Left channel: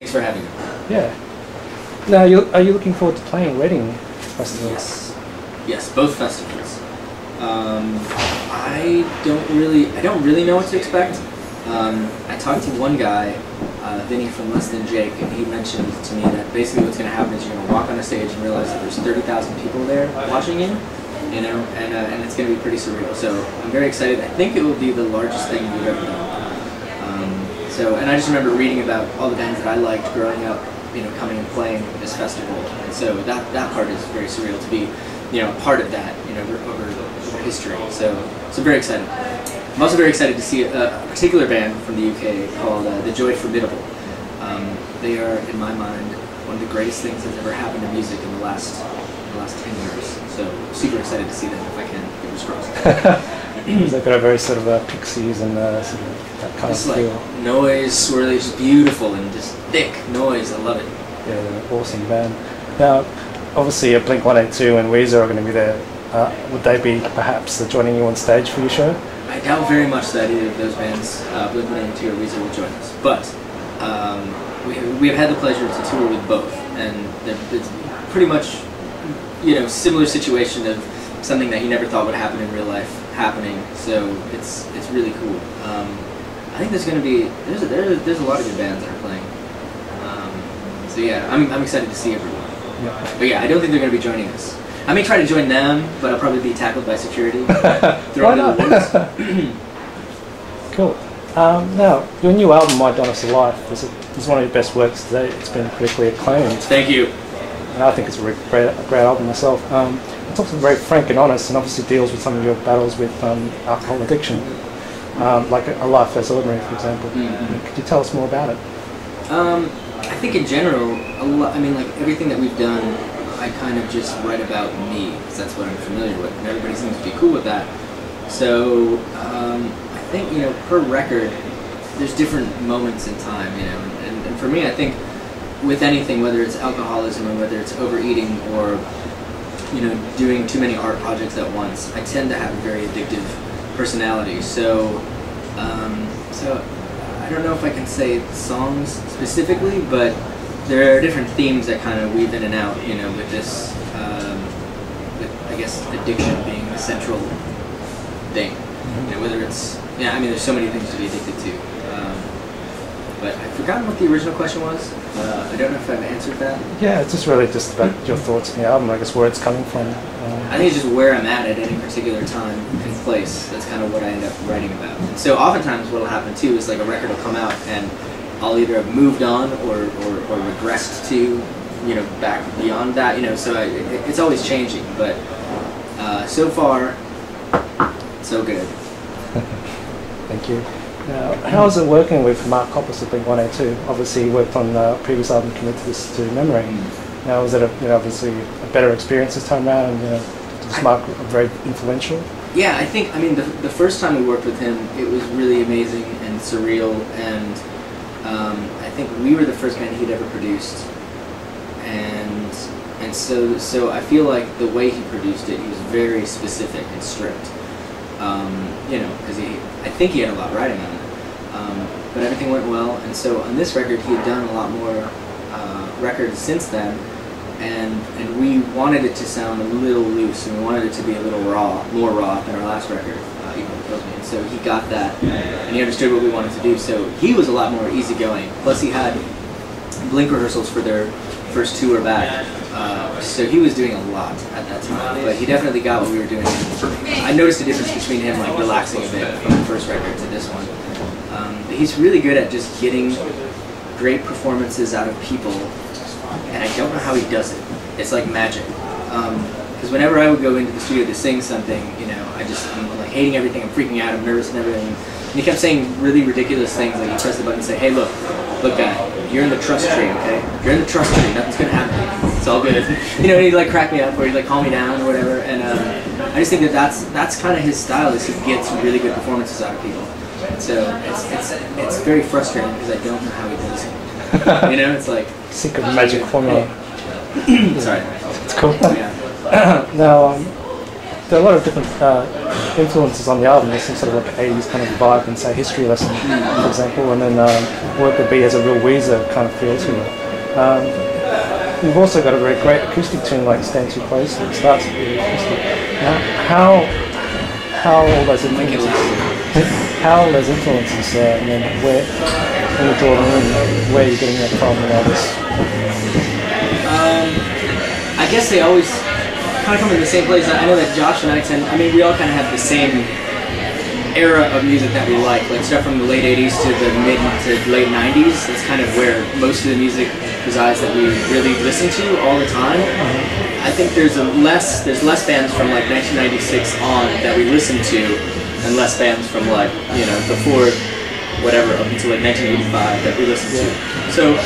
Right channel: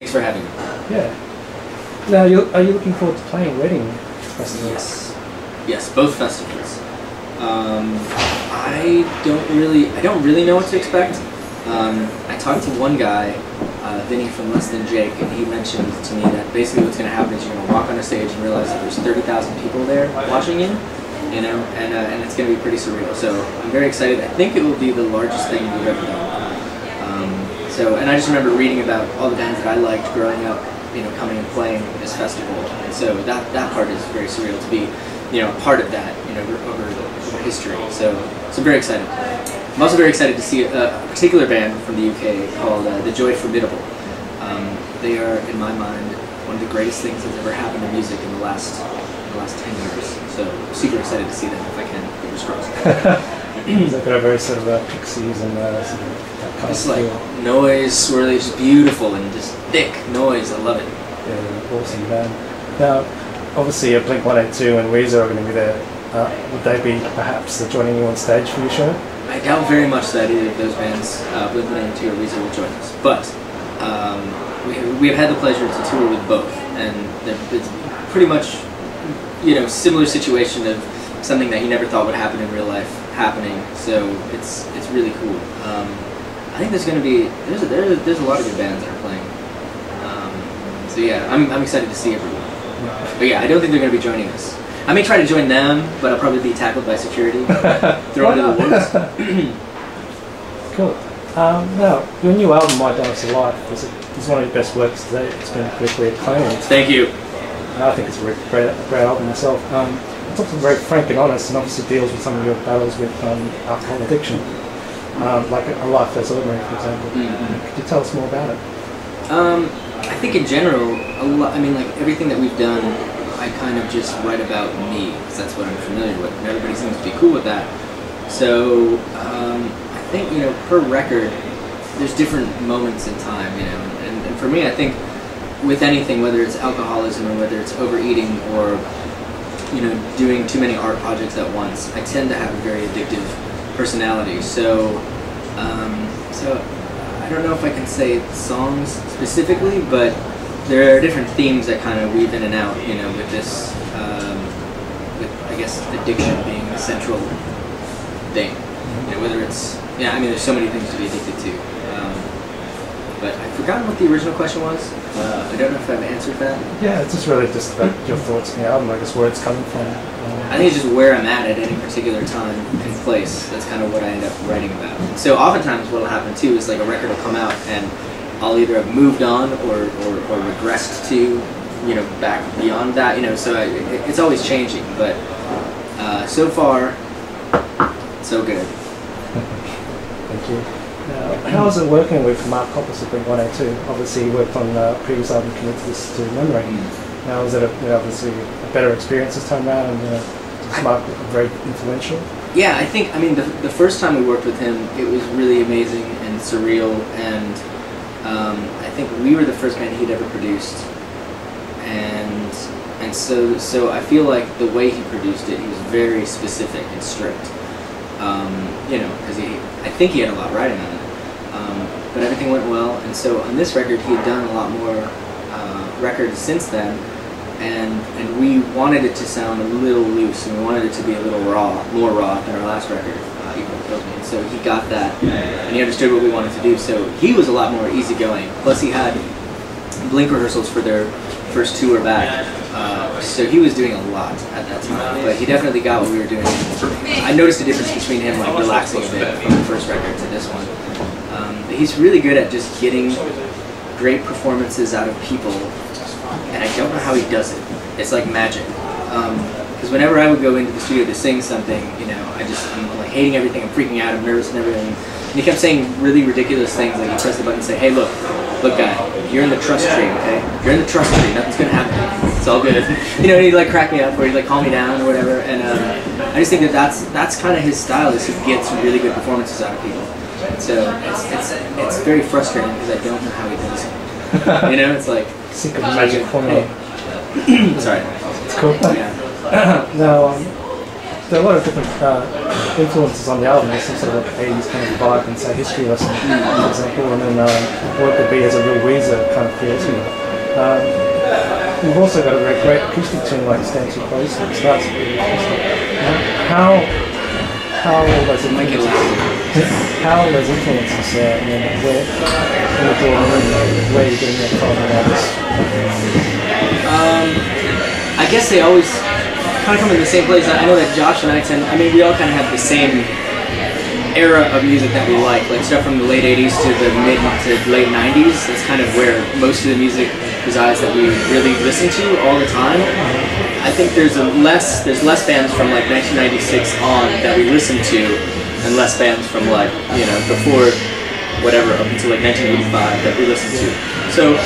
Thanks for having me. Yeah. Now, are you looking forward to playing wedding festivals? Yes, both festivals. I don't really know what to expect. I talked to one guy, Vinny from Less Than Jake, and he mentioned to me that basically what's going to happen is you're going to walk on a stage and realize that there's 30,000 people there watching you, and it's going to be pretty surreal. So I'm very excited. I think it will be the largest thing we've ever done. And I just remember reading about all the bands that I liked growing up, coming and playing this festival, and so that part is very surreal to be, part of that, over history. So I'm very excited. I'm also very excited to see a particular band from the UK called The Joy Formidable. They are, in my mind, one of the greatest things that's ever happened to music in the last 10 years. So I'm super excited to see them if I can. Fingers crossed. They've got a very sort of Pixies and sort of that kind just of feel. Like noise, swirly, just beautiful and just thick noise. I love it. Yeah, they're an awesome band. Now, obviously, Blink-182 and Weezer are going to be there. Would they be perhaps joining you on stage for your show? I doubt very much that either of those bands, Blink-182 or Weezer, will join us. But we have had the pleasure to tour with both, and it's pretty much, similar situation of something that you never thought would happen in real life happening. So it's really cool. I think there's going to be there's a lot of good bands that are playing. So yeah, I'm excited to see everyone. Yeah. But yeah, I don't think they're going to be joining us. I may try to join them, but I'll probably be tackled by security. Thrown into the woods. Cool. Now, your new album, My Dinosaur Life, is one of your best works today. It's been critically acclaimed. Thank you. And I think it's a really great album myself. It's also very frank and honest, and obviously deals with some of your battles with alcohol addiction, like A Life Less Ordinary, for example. Mm-hmm. Could you tell us more about it? I think in general, everything that we've done, I kind of just write about me, because that's what I'm familiar with, and everybody seems to be cool with that. So I think, per record, there's different moments in time, and for me, I think with anything, whether it's alcoholism or whether it's overeating or doing too many art projects at once, I tend to have a very addictive personality. So I don't know if I can say songs specifically, but there are different themes that kind of weave in and out, with this, with, I guess, addiction being the central thing. Whether it's, there's so many things to be addicted to. But I've forgotten what the original question was. I don't know if I've answered that. Yeah, it's just really just about your thoughts on the album, I guess, where it's coming from. I think it's just where I'm at any particular time and place. That's kind of what I end up writing about. And so oftentimes what will happen too is like a record will come out and I'll either have moved on or regressed to, back beyond that, so it's always changing. But so far, so good. Thank you. Now, how is it working with Mark Hoppus of Blink-182? Obviously, he worked on the previous album, Committed This to Memory. Now, was it obviously a better experience this time around? And was Mark very influential? Yeah, I think. The first time we worked with him, it was really amazing and surreal, and I think we were the first band he'd ever produced, and so I feel like the way he produced it, he was very specific and strict. Because I think he had a lot riding on it. But everything went well, and so on this record he had done a lot more records since then, and we wanted it to sound a little loose, and we wanted it to be a little more raw than our last record, Even It Kills Me. And so he got that, and he understood what we wanted to do, so he was a lot more easygoing. Plus he had Blink rehearsals for their first tour back. So he was doing a lot at that time, but he definitely got what we were doing. I noticed a difference between him relaxing a bit from the first record to this one. But he's really good at just getting great performances out of people, and I don't know how he does it. It's like magic. Because whenever I would go into the studio to sing something, I'm like hating everything, I'm freaking out, I'm nervous and everything. And he kept saying really ridiculous things, like he'd press the button and say, "Hey, look guy, you're in the trust tree, okay? You're in the trust tree, nothing's gonna happen. It's all good." He'd crack me up, or he'd calm me down or whatever, and I just think that's kind of his style, is he gets really good performances out of people. So it's very frustrating because I don't know how he does it. It's like secret magic formula. Sorry. It's cool. Yeah. Now, there are a lot of different influences on the album. There's some sort of like 80s kind of vibe and say History Lesson, for example, and then Worker Bee has a real Weezer kind of feel to it. We've also got a very great acoustic tune like Stand Too Close. It starts really acoustic. How all those influences and then where in the Jordan Room, where are you getting that from and all this? I guess they always kind of come in the same place. I know that Josh and I mean, we all kind of have the same era of music that we like stuff from the late 80s to the mid to late 90s. That's kind of where most of the music resides that we really listen to all the time. I think there's less bands from like 1996 on that we listen to, and less bands from like, you know, before whatever up until like 1985 that we listen to. So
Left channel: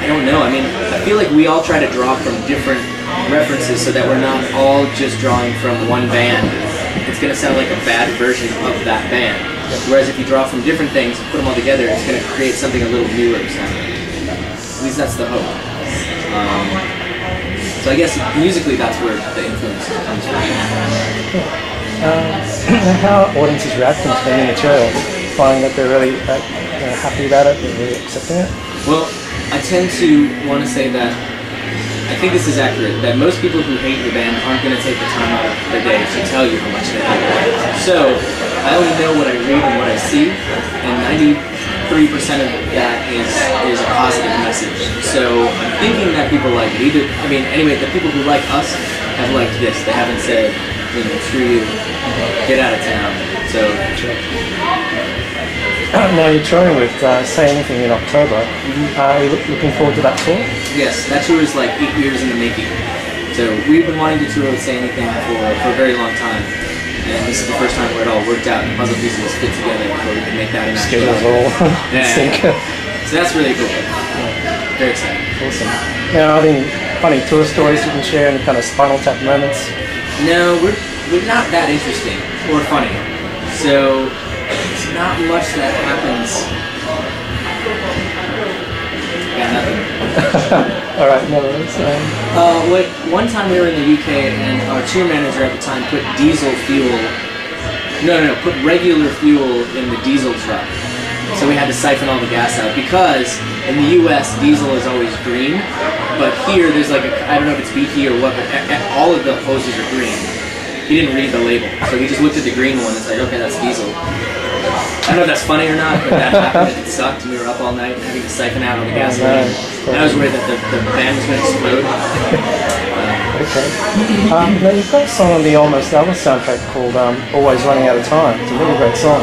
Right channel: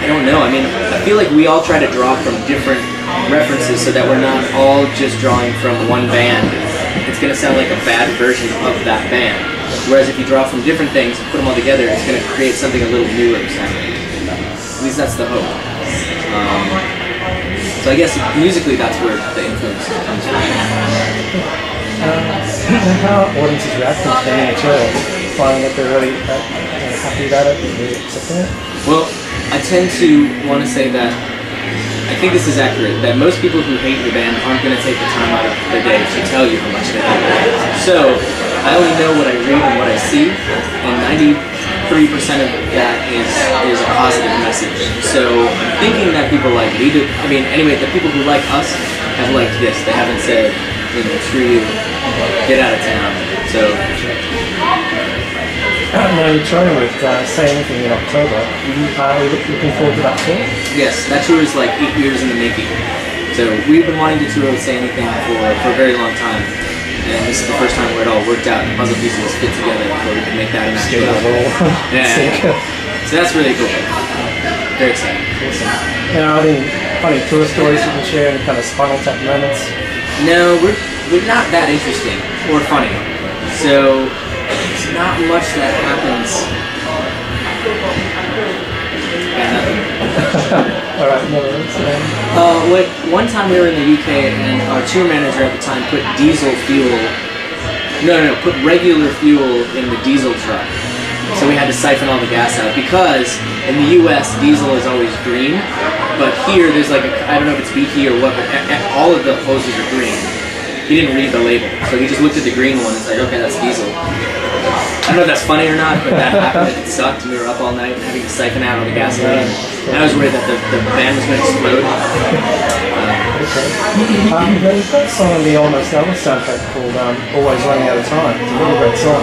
I don't know. I mean, I feel like we all try to draw from different references so that we're not all just drawing from one band. It's going to sound like a bad version of that band. Whereas if you draw from different things and put them all together, it's going to create something a little newer sounding. At least that's the hope. So I guess musically that's where the influence comes from. How are audiences reacting to the new material? Finding that they're really happy about it, they're really accepting it? Well, I tend to want to say that I think this is accurate, that most people who hate the band aren't going to take the time out of their day to tell you how much they hate it. So, I only know what I read and what I see, and 93% of that is a positive message. So, I'm thinking that people like me, the people who like us have liked this. They haven't said, you know, screw you, get out of town. So, now you're touring with Say Anything in October. Are you looking forward to that tour? Yes, that tour is like 8 years in the making. So we've been wanting to tour with Say Anything for a very long time. And this is the first time where it all worked out and the puzzle pieces fit together where we can make that an actual album. Yeah. So that's really cool. Very exciting. Awesome. Now, are there any funny tour stories you can share, any kind of Spinal Tap moments? No, we're not that interesting or funny. So it's not much that happens. Got nothing. Alright, no worries. One time we were in the UK and our tour manager at the time put put regular fuel in the diesel truck. So we had to siphon all the gas out because in the US diesel is always green, but here there's like I don't know if it's BP or what, but all of the hoses are green. He didn't read the label, so he just looked at the green one and was like, okay, that's diesel. I don't know if that's funny or not, but that happened. It sucked. We were up all night having to siphon out all the gasoline. And I was worried that the band was going to explode. Okay. Now you've got a song on the Almost Alice soundtrack called Always Running Out of Time. It's a really great song.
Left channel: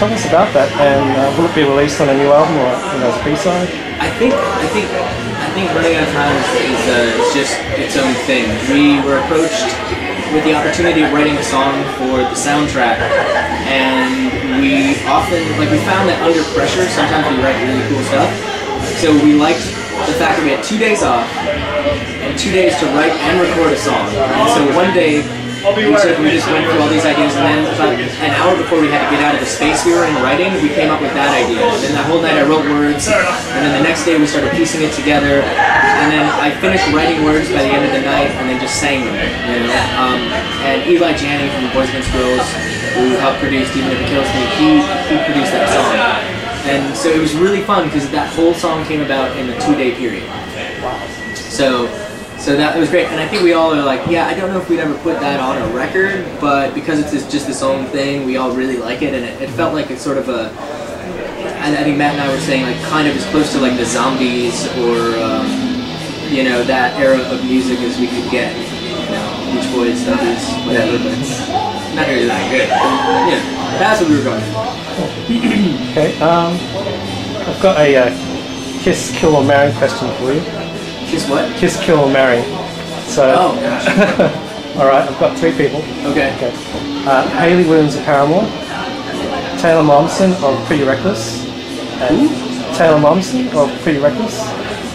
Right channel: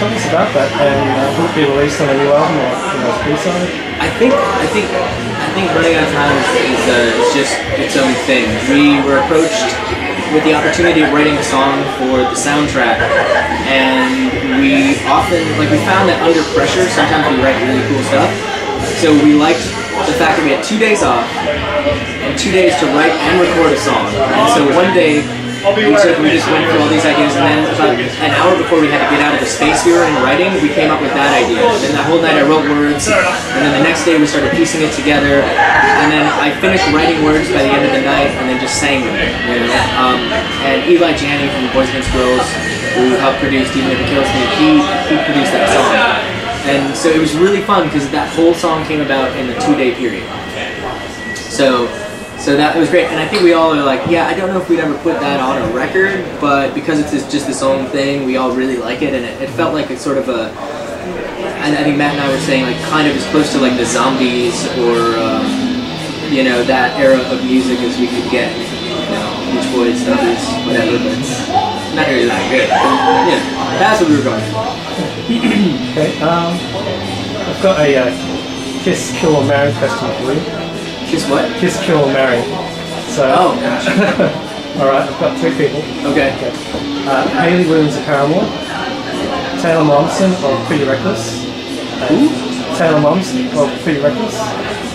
Tell us about that, and will it be released on a new album or as a B-side? I think Running Out of Time is just its own thing. We were approached with the opportunity of writing a song for the soundtrack, and we found that under pressure sometimes we write really cool stuff. So we liked the fact that we had 2 days off and 2 days to write and record a song. And so one day we just went through all these ideas, and then about an hour before we had to get out of the space we were in writing, we came up with that idea. And then that whole night I wrote words, and then the next day we started piecing it together, and then I finished writing words by the end of the night, and then just sang them. You know? And Eli Janney from the Boys Against Girls, who helped produce Even If It Kills Me, he produced that song. And so it was really fun because that whole song came about in a 2-day period. So that it was great, and I think we all are like, yeah, I don't know if we'd ever put that on a record, but because it's just its own thing, we all really like it, and it felt like it's sort of a, and I think Matt and I were saying, like, kind of as close to like the Zombies or, you know, that era of music as we could get, you know, Beach Boys, Zombies, whatever, but it's not really that good. But, yeah, that's what we were going for. Okay, I've got a Kiss, Kill or Marry question for you. Kiss what? Kiss, Kill or Marry. So, oh gosh. Alright, I've got 3 people. Okay. Hayley Williams of Paramore, Taylor Momsen of Pretty Reckless. Taylor Momsen of Pretty Reckless.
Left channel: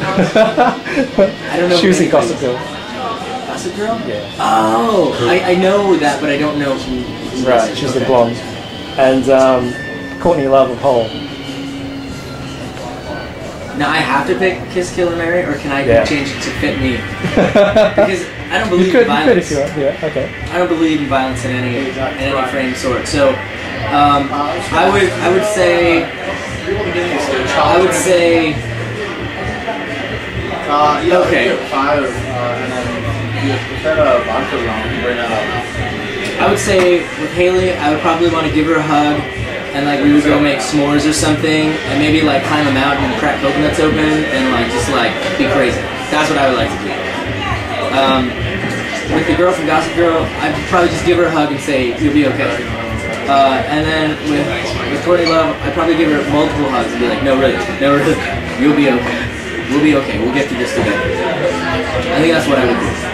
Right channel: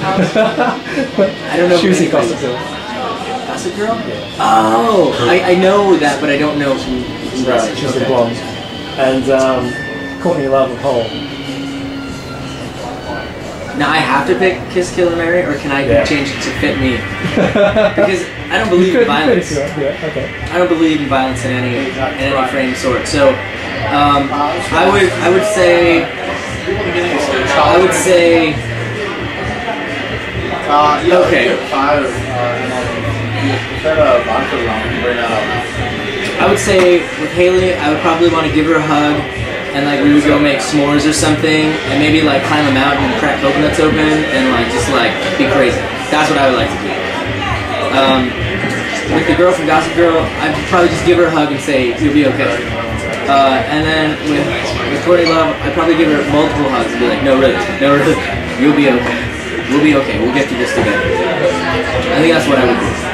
I don't know. Choosy Gossip Girl. Gossip Girl? Yeah. Oh, I know that, but I don't know who. Right, she's the blonde. And Courtney Love of Hole. Now I have to pick Kiss, Kill, or Marry, or can I change it to fit me? Because I don't believe in violence. Yeah, okay. I don't believe in violence in any frame sort. So I would say okay. I would say with Haley, I would probably want to give her a hug, and like we would go make s'mores or something, and maybe like climb a mountain and crack coconuts open, and like just like be crazy. That's what I would like to do. With the girl from Gossip Girl, I'd probably just give her a hug and say you'll be okay. And then with Courtney Love, I'd probably give her multiple hugs and be like, no really, you'll be okay. We'll be okay. We'll get through this together. I think that's what I would do.